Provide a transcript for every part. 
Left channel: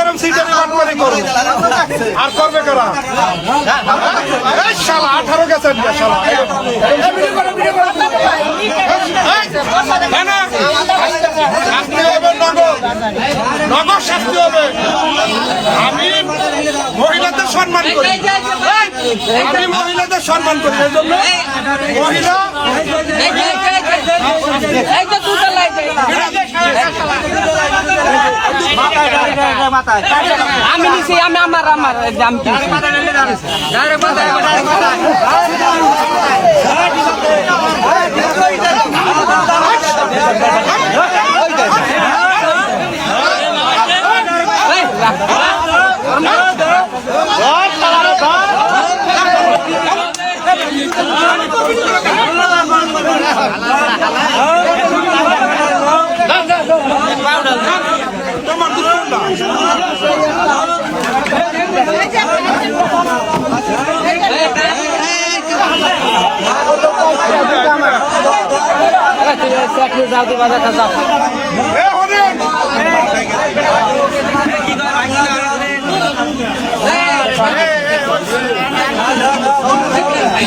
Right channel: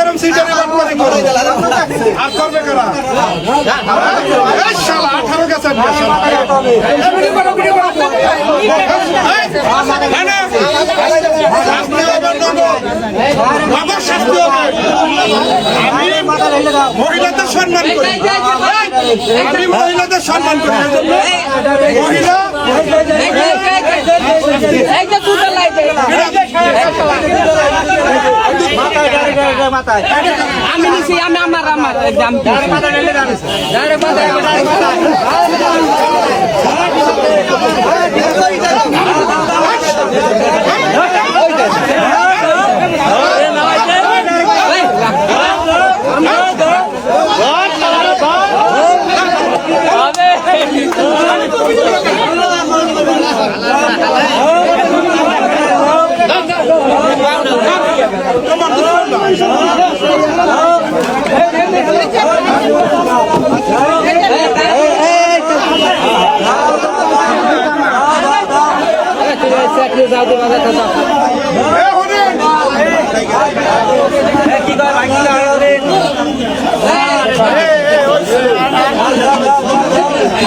এরকম সিটারে বাটপারি করো আর করবে কারা? এই শালা 18 গেছেন না শালা। ভিডিও করো না না শাস্তি হবে নগদ শাস্তি হবে। আমি মহিলাদের সম্মান করি, আমি মহিলাদের সম্মান করি, এই জন্য মহিলা আমি নিছি আমি আমার দাম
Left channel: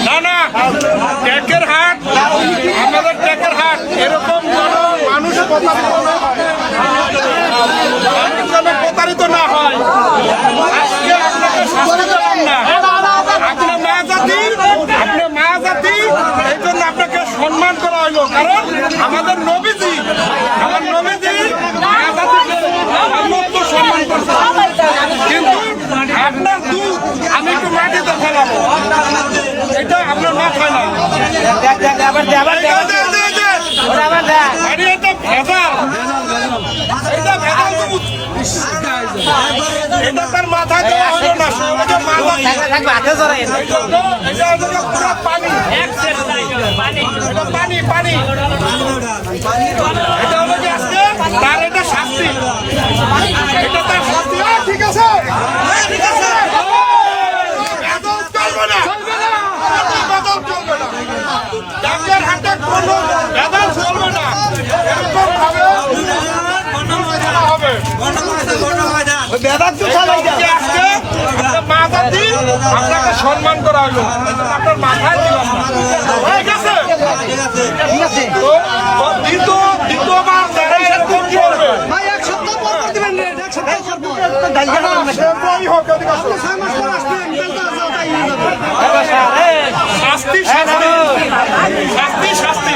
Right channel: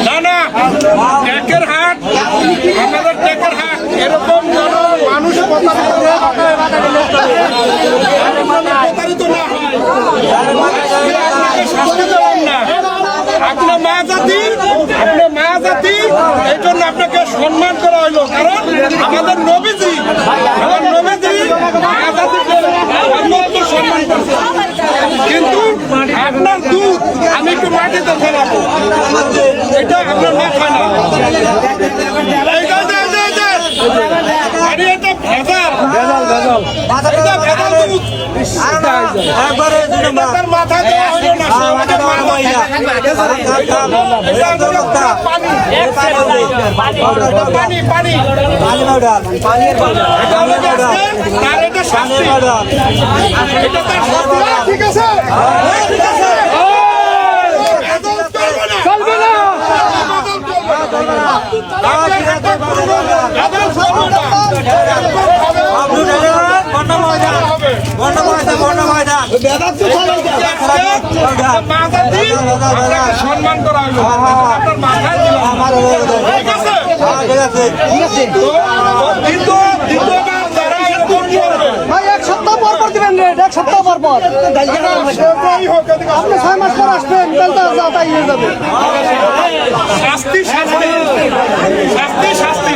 না না ট্যাকের হাট, আমাদের ট্যাকের হাট এরকম যেন মানুষ প্রতারিত না হয়। আজকে আপনাকে শাস্তি দেবেন না, আপনার মা জাতি, এই জন্য আপনাকে সম্মান করা হইলো, কারণ আমাদের নবীজি মা জাতিকে অত্যন্ত সম্মান করছে। কিন্তু আপনার দুধ আমি একটু মাটিতে ফেলাবো, এটা আপনার মাথায় না। এটা ভেজাল দুধ, এটা তার মাথায় দেওয়া হলো না, পানি পানি এটা হলো তার, এটা শাস্তি, এটা তার শাস্তি। ঠিক আছে ঠিক আছে, আপনাকে সম্মান করা হলো, আপনার মাথায় দিলাম। ঠিক আছে, দ্বিতীয়বার যারা এরকম করবে শাস্তি শাস্তি শাস্তি শাস্তি।